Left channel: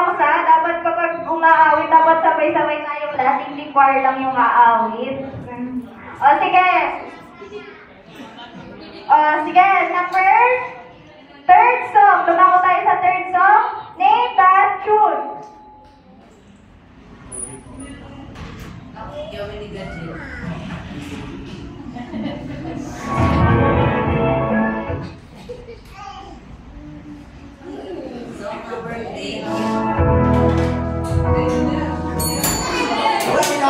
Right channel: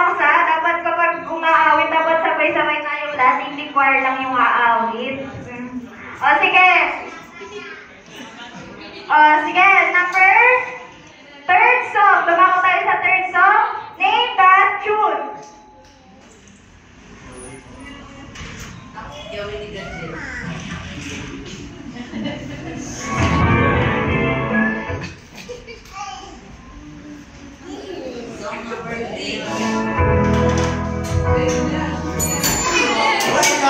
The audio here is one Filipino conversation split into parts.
songs ha. Dapat kapag umaawit, dapat sabay-sabay tayong lahat. Hindi choir lang yung aawit. O sige. Sige, number third song. Dumako tayo sa third song. Name that tune.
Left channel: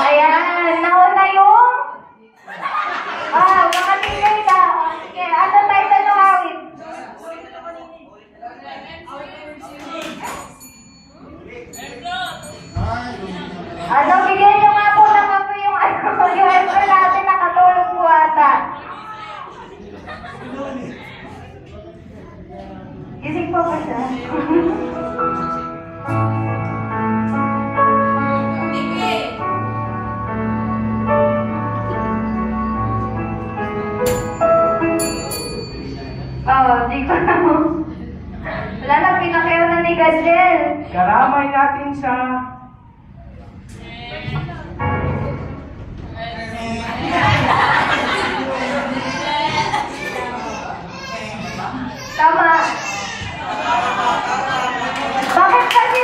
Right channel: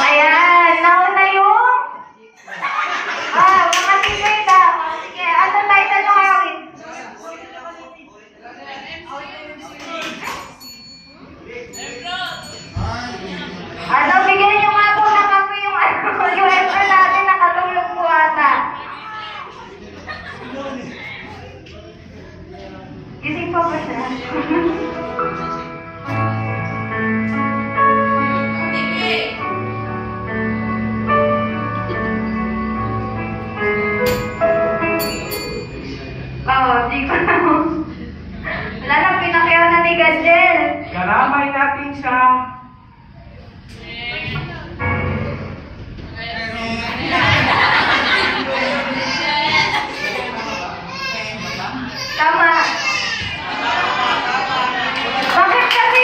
Ayan, nauna yung mga teammate daw. Sige, ano title ng awit? Ano, bigyan nyo nga po ng kape yung yung extra natin, nakatulog po ata. Gising pa ba siya? Di ko na mo. Wala na, pinakyaw na ni Gajel. Karamay natin siya. Tama. Bakit kasi?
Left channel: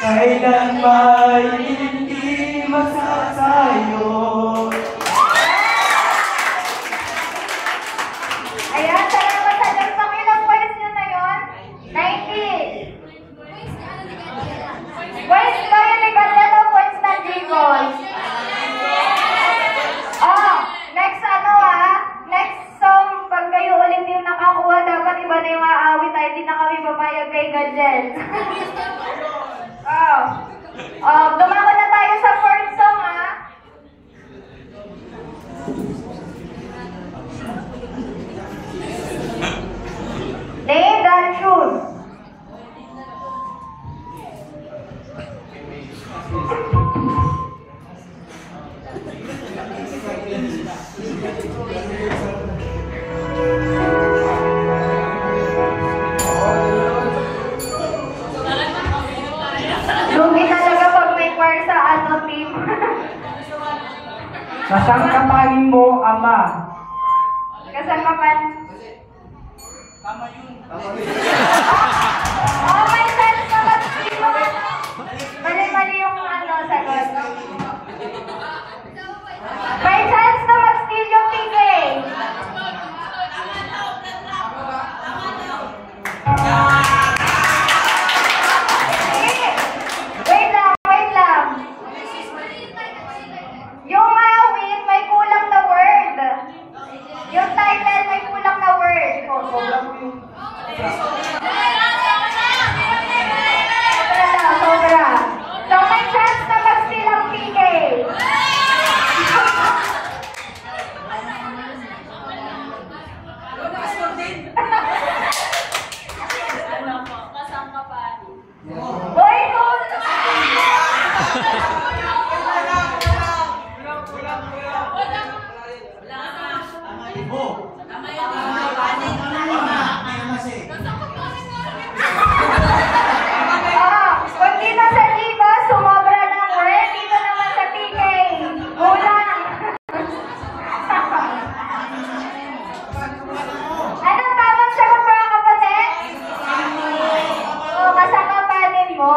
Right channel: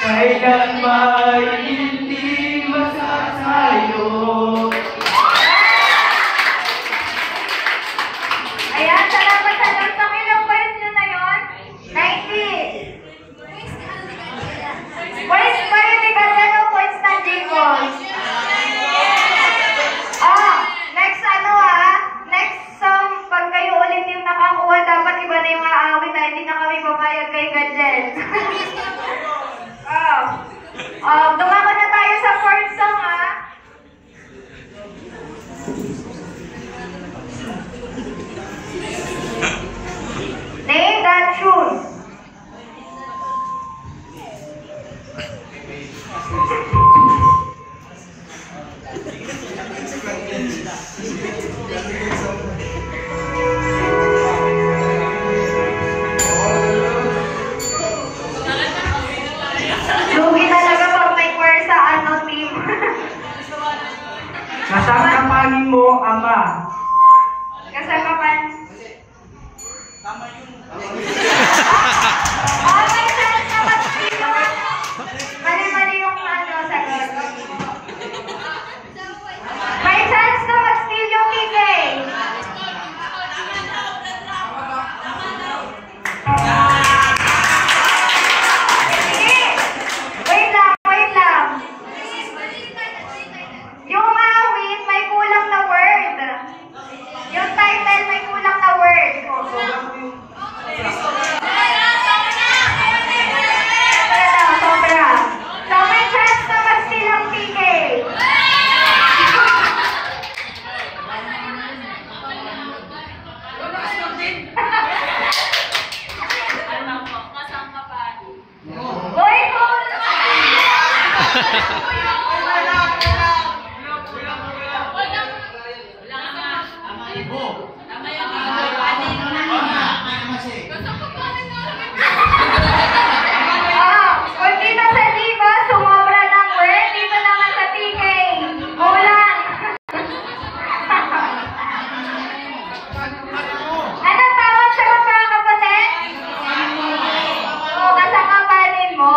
Kailan may hindi masasayo. Ayan, salamat sa dagsang. Ilang points nyo na yun? 90. Points ba yun ni Gajel o points ng Jingles? Next next song, pag kayo ulit yung nakakuha, dapat iba na yung aawit na hindi na kami papayag kay Gajel. Dumako na tayo sa fourth song ha. Name that tune. Lugi talaga pag may choir sa team. Kasangkapanin mo, Ama. Kasangkapan. Tama yun. May chance na mag-steal. Mali-mali yung sagot. May chance na mag-steal yung kike. Wait lang. Yung maawit, may kulang na word. Yung title, may kulang na word. Sobra. So, may chance na mag-steal ang PK. Boy, kung dito sa Diva, sumobra ng word, dito naman sa TK. Kulang. Anong tawag sa magkakapatid? Kasangkapanin mo,